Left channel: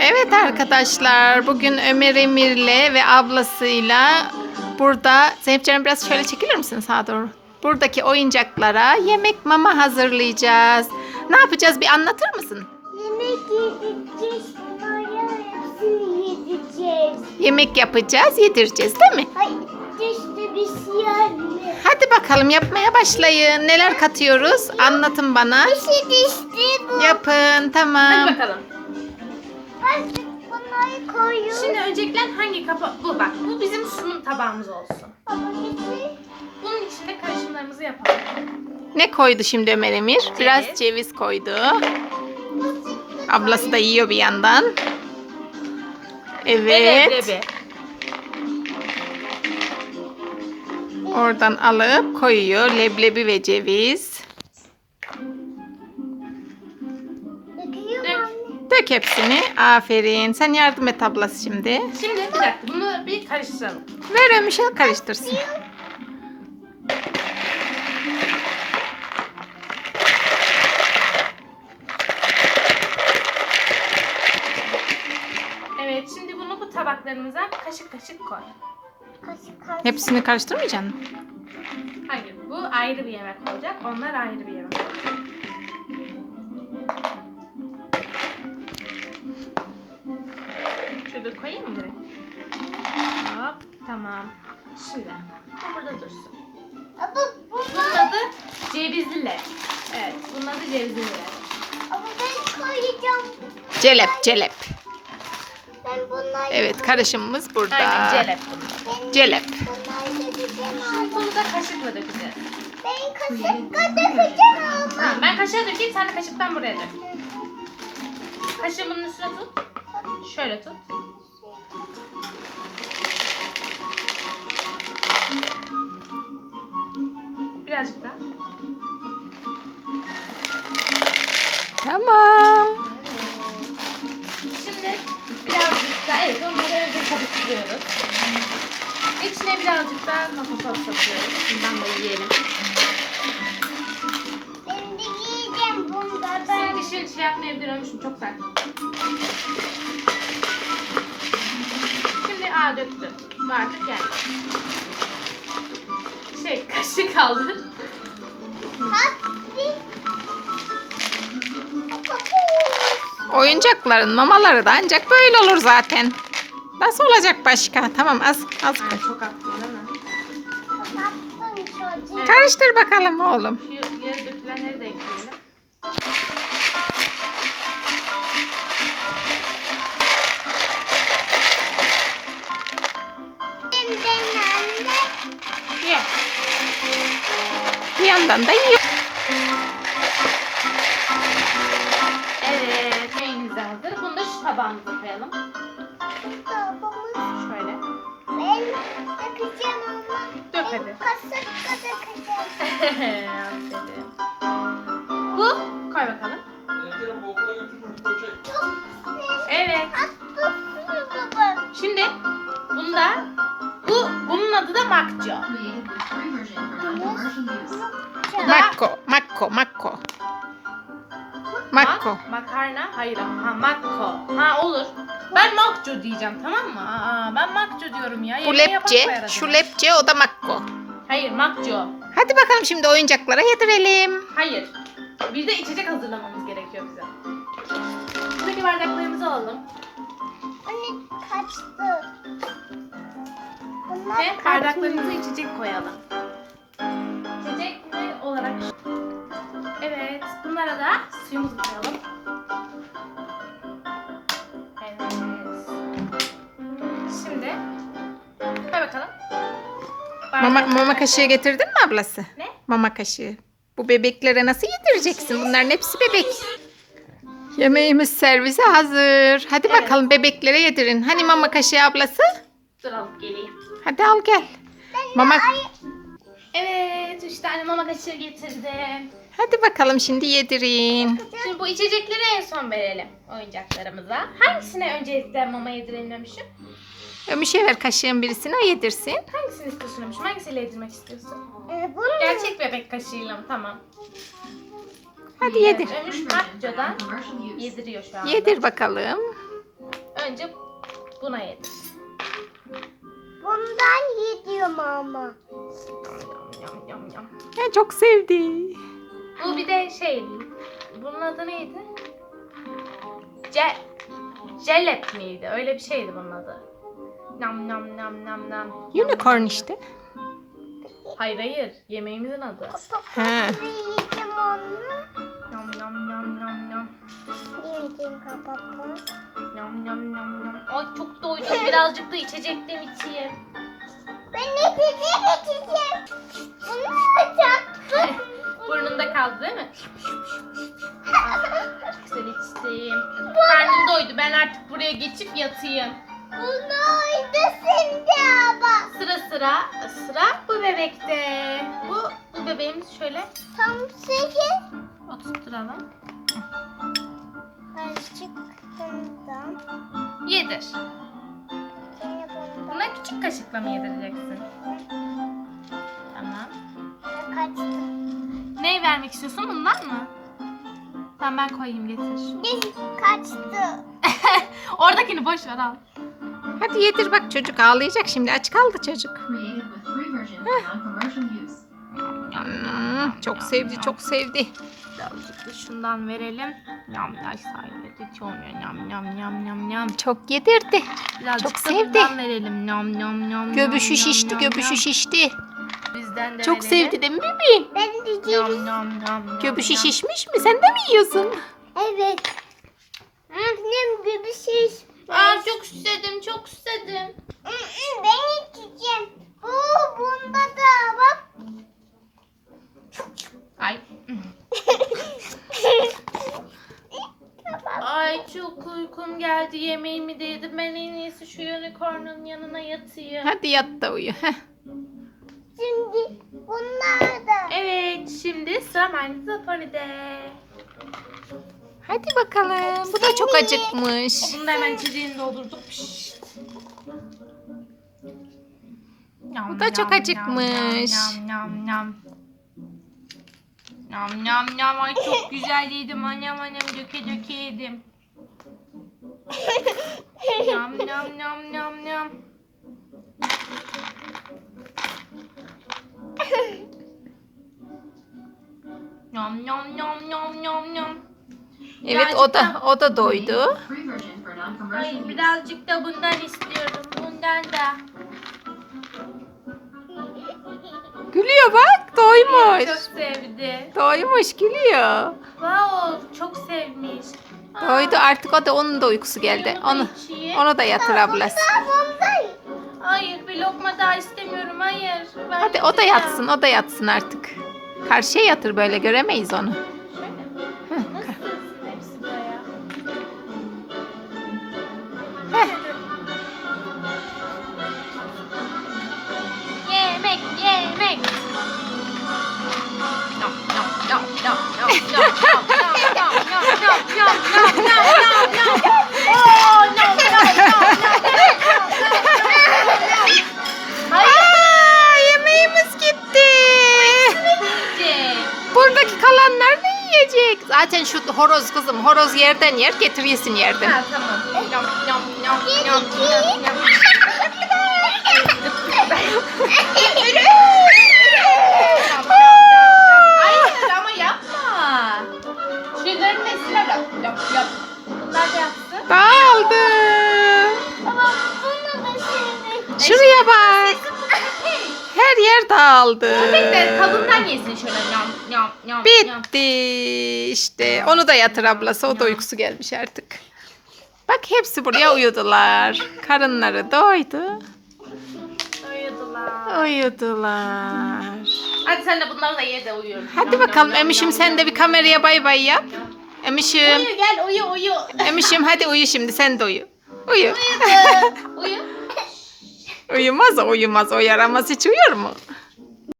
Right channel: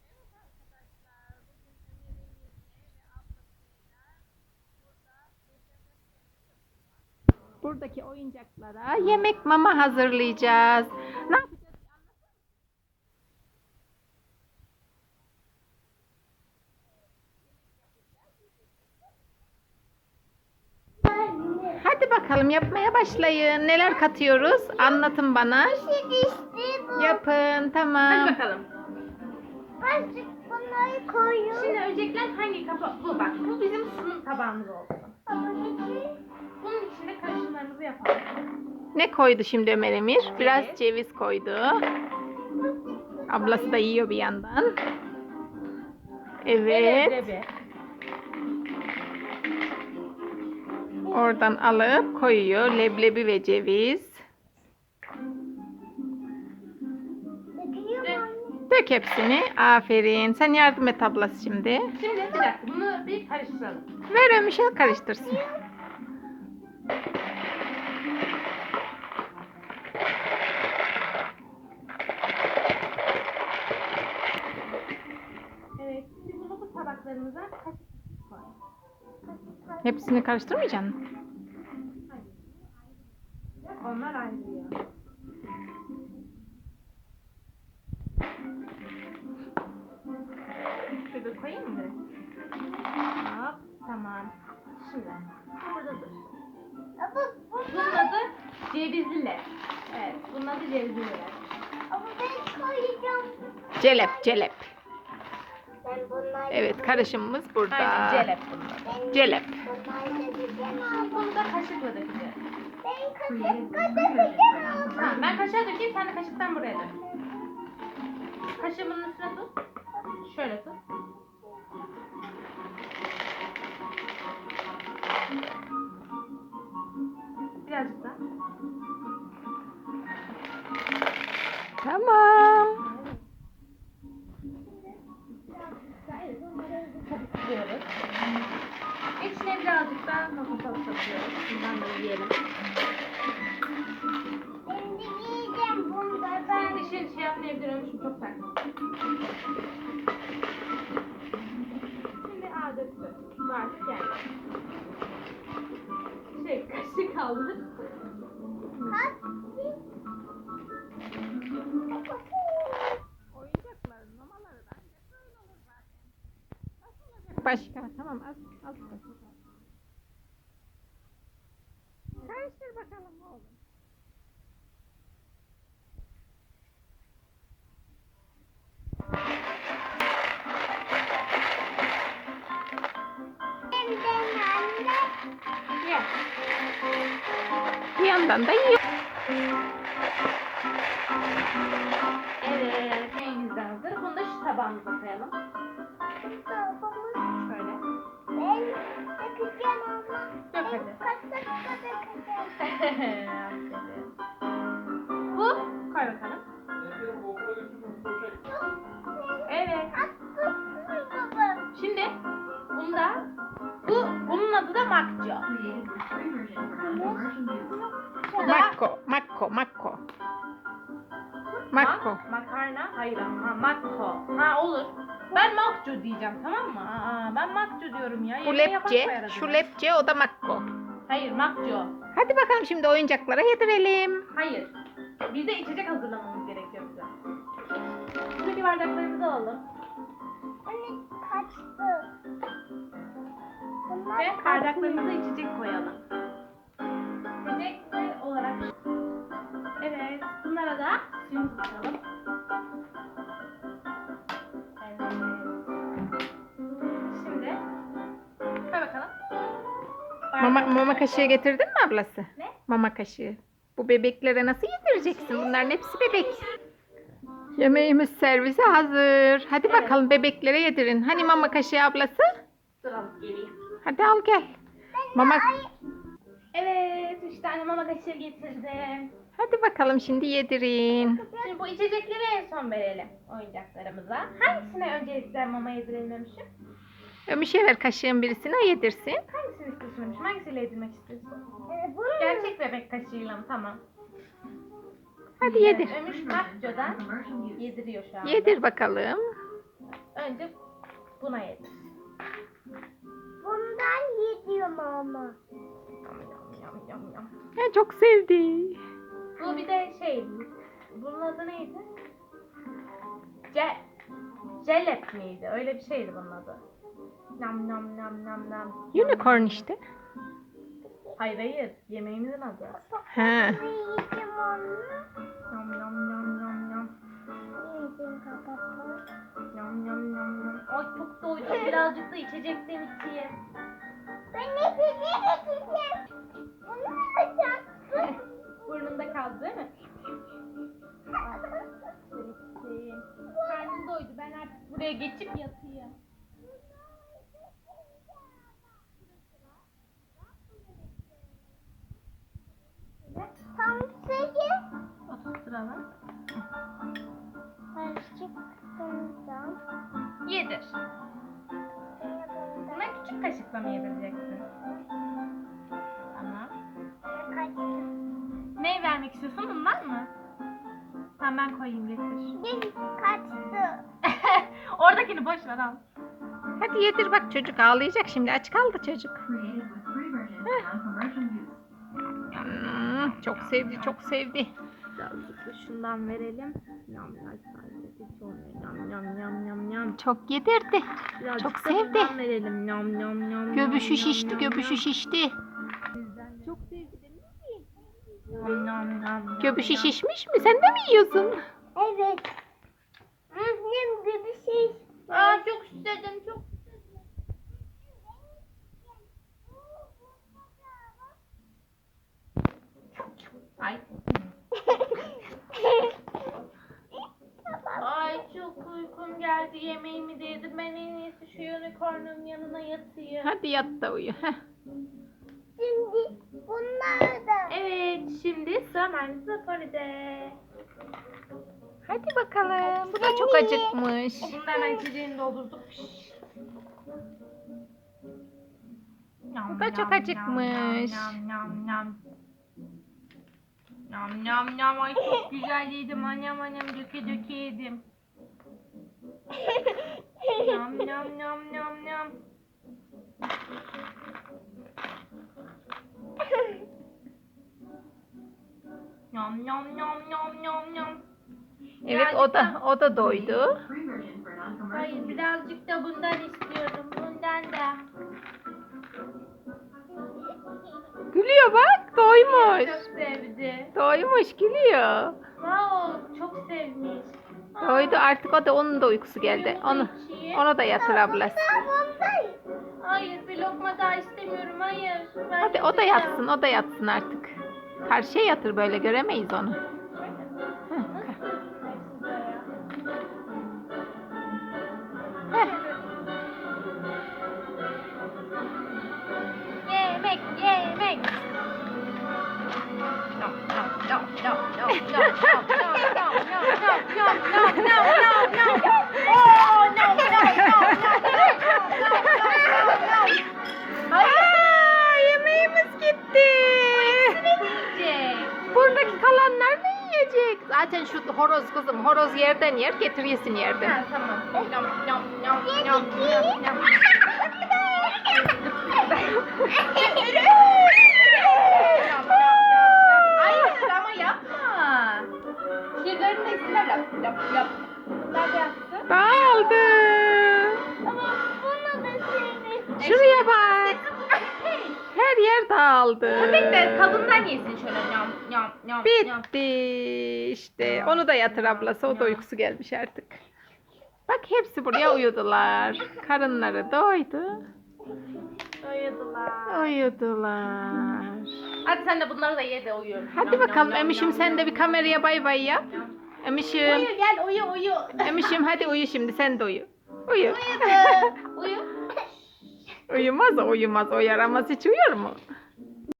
Evet arkadaşlar bugün Ömer Emir'le ve ablasıyla burada Zeynep Canım biraz şöyle çekilir misin sağa doğru? Buradaki oyuncaklara yemek mama hazırlayacağız. Ne yapacağız bir anlatır mısın? Yemek yedireceğiz. Yedireceğiz. Yemek yapacağız, yedireceğiz değil mi? Hayır, işte bir şey. Hadi bakalım yapmaya başlayın. Neler katıyoruz? Anlatın bana. İşte işte bu. Yapın tamam. Hadi bakalım. Bunları koyuyorum. Şimdi öncelikle hangi kapa... Bu bak bu bizim sunum tabağımız olsun. Baba getir. Bunun içinde karışımlarımızı yapalım. Ne koydu şimdi Ömer Emir? Biraz ceviz koydu. Ablası da yiyor bir yandan. Evet. Leblebi. Oradan alıp koyuyor leblebi ve ceviz. Dök hepsini. Aferin. Sen yardım et ablası şimdi. Şimdi bir dakika bunu bir karıştıralım. Ver Ömüş'e karıştırsın. Evet şimdi bunu bu tabaklarımıza kaşık kaşık koy. Kaşık kaşık. Hepsini karıştırmayacaksın mı? Hayır bu ayrı bir yemek olacak. Onlar ayrı bir yemek. Şöyle koyayım mı? Hop tamam. Şimdi bu burada dursun. Ama Bunun bunlar, adı cevizli. Evet bunun adı cevizli ama ben koyacağım. Celep, celep. Ben bunları Evet, karışımımız burada. Aynen celep bunlar. Ben Celep. abi. Bunu da kaşıkla dökeceğiz. Ben kaşıkla dökeceğim ama. Tamam, ben kaşığa dökeyim sen de kaşıktan buraya dök. Kaşığı bunun üstüne tut. Şöyle tut. Birazcık daha. Tamam. Şimdi birazcık daha evet onları önce karıştırıyoruz. İçine birazcık daha sos atıyoruz. Bundan da yiyelim. Şey yapmayabilir ölmüşüm çok sert. Şimdi aa döktü. Bu artık geldi. Şey kaşık kaldı. Hadi. Oyuncakların mamaları da ancak böyle olur zaten. Nasıl olacak başka? Tamam az az Ha, koy. çok attın değil mi? Karıştır bakalım oğlum. Yandan da yiyor. Evet. De hazır. Bunu da şu tabağımıza koyalım. Babamız. Şöyle. Ben dökeceğim ama. Dök hadi. kaşıkla dökeceğim. Makko, makko, makko. Makko. Mak- makarna. Hayır ha makko. Ha olur. Ben makco diyeceğim tamam mı? Aa, ben makco diyorum ya. Bu Yemeği yapan lepçe, koyar şu adını. lepçe, o da makko. Hayır makco. Hadi bakalım şimdi oyuncaklara yedirelim. Hayır. Bir de içecek hazırlamamız gerekiyor bize. Buradaki bardaklarımızı alalım. Anne kaçtı. Bunlar Ve bardaklarımıza içecek koyalım. İçecek olarak? Evet. Bunlara da suyumuzu koyalım. Evet. Şimdi koy bakalım. Mama, mama kaşığı getirdin mi ablası? Ne? Mama kaşığı. Bu bebeklere nasıl yedireceksin? Bunların hepsi bebek. Yemeğimiz servise hazır. Hadi Evet. bakalım bebeklere yedirin. Hani mama kaşığı ablası? Dur alıp geleyim. Hadi al gel. Mama Evet. Üç tane mama kaşığı getirdim. Hadi bakalım şimdi yedirin. Şimdi bu içecekleri en son verelim oyuncaklarımıza. Hangisine öncelikle mama yedirelim demişim? Ömüşe ver kaşığın birisini o yedirsin. Hangisini istiyorsun demişim? Hangisiyle yedirmek istiyorsun? Ee, bunu Gerçek bebek kaşığıyla mı? Tamam. Hadi yedir. Ömüş Makco'dan yediriyor şu anda. Yedir bakalım. önce buna yedir. Bundan yediyorum ama. Yam yam yam. Ya çok sevdi. Bu bir de şey, bunun adı neydi? Ce Jelep miydi? Öyle bir şeydi bunun adı. Nam nam nam nam nam. Unicorn işte. Hayır hayır, yemeğimizin adı. He. Yiyeceğim onu. Birazcık da içecekten içeyim. Ben ne içeceğim. Bunu açacaktım. Burnunda kaldı değil mi? Güzel içtim. Karnım doydu. Ben artık buraya geçip yatayım. Bunu oydu şimdi ama. Sıra sıra sıra bu bebekte. Bu bu bebeğimiz şöyle Tam sekiz. oturtturalım. Çıktığımdan. Yedir. Küçük kaşıkla mı yedireceksin? Tamam. kaçtı. Ne vermek istiyorsun? Bundan mı? Tamam ben koyayım getir. Ne kaçtı? Oradakini boş ver al. Hadi yedir bak çocuk ağlayacak şimdi aç kaldı çocuk. created with free version for non-commercial use. Hmm, çok sevdi çok sevdi. Birazcık da şundan verelim. Yam ay sahibi hiç olmuyor. Yam yam yam yam yam. Çok yedirdi. Birazcık Çok da sevdi. bundan verelim. Yam yam yam. Göbüşü yam, şişti yam, göbüşü yam. şişti. Bizden de Çok verelim. sevdi değil mi bebeğim? Ben Yam diyeceğim. yam yam. yam, Göbüşü yam. şişmiş mi? Sen de mi yiyorsun? Evet. Annem şey. Aa çok susadım çok susadım. Ben içeceğim. Bu bunda da bak. Ay çok geldi yemeğimi de yedim. Ben en iyisi şu unicorn'un yanına yatayım. Hadi yat da uyu. Heh. Şimdi bunlar da. Evet şimdi sıra Mind's Pony'de. Hadi bakalım. Bu da çok acıkmış. Bunu da hemen içeceğini doldurduk. Pişt. Yam, Bu da çok acıkmış. Yam yam yam. Yam yam yam. Ay çok güzel yedim. Annem annem döke döke yedim nam nam nam nam nam. Nam nam nam nam nam nam. Evet o da o da doydu. Ay birazcık da bundan istiyorum. Bundan da. Gülüyor bak doymuş. Çok sevdi. Doymuş gülüyor. Wow çok sevmiş. Doydu artık o da onun da uykusu geldi. Onu onu da yatır ablası. Hayır, bir lokma daha istemiyorum. Hayır. Ben Hadi o da yatsın o da yatsın artık. Karşıya yatır böyle göremeyiz onu. Yemek, yemek. Nom, nom, nom, nom, nom, Zaten şu horoz kızım horoz yerden yer getir yesin yerden. Ha tamam. Yam yam yam yam yam yam. Hayır ama yapma. Şunların nesine yap yap yap. Bunlar da yapsın. Dağıldı. Ama bunu da şimdi. Şuraya bak. Her yer dağıldı. Köpek de tadından yesin şöyle yam yam yam. Bitti işte. Onu da yatır ablası. O da uykusu gelmiş artık. Bak hepsi buraya uyudular. Karınları doydu. Uyudular. Uyudular. Hadi sen de bunları da ye de uyu. Hadi bakalım Emişim sen de bir kameraya bay bay yap. Emişim. Uyu gel uyu uyu. Emişim hadi uyu şimdi sen de uyu. Uyu. Uyu. Uyumaz o uyumaz o yaramaz hiç uyur mu?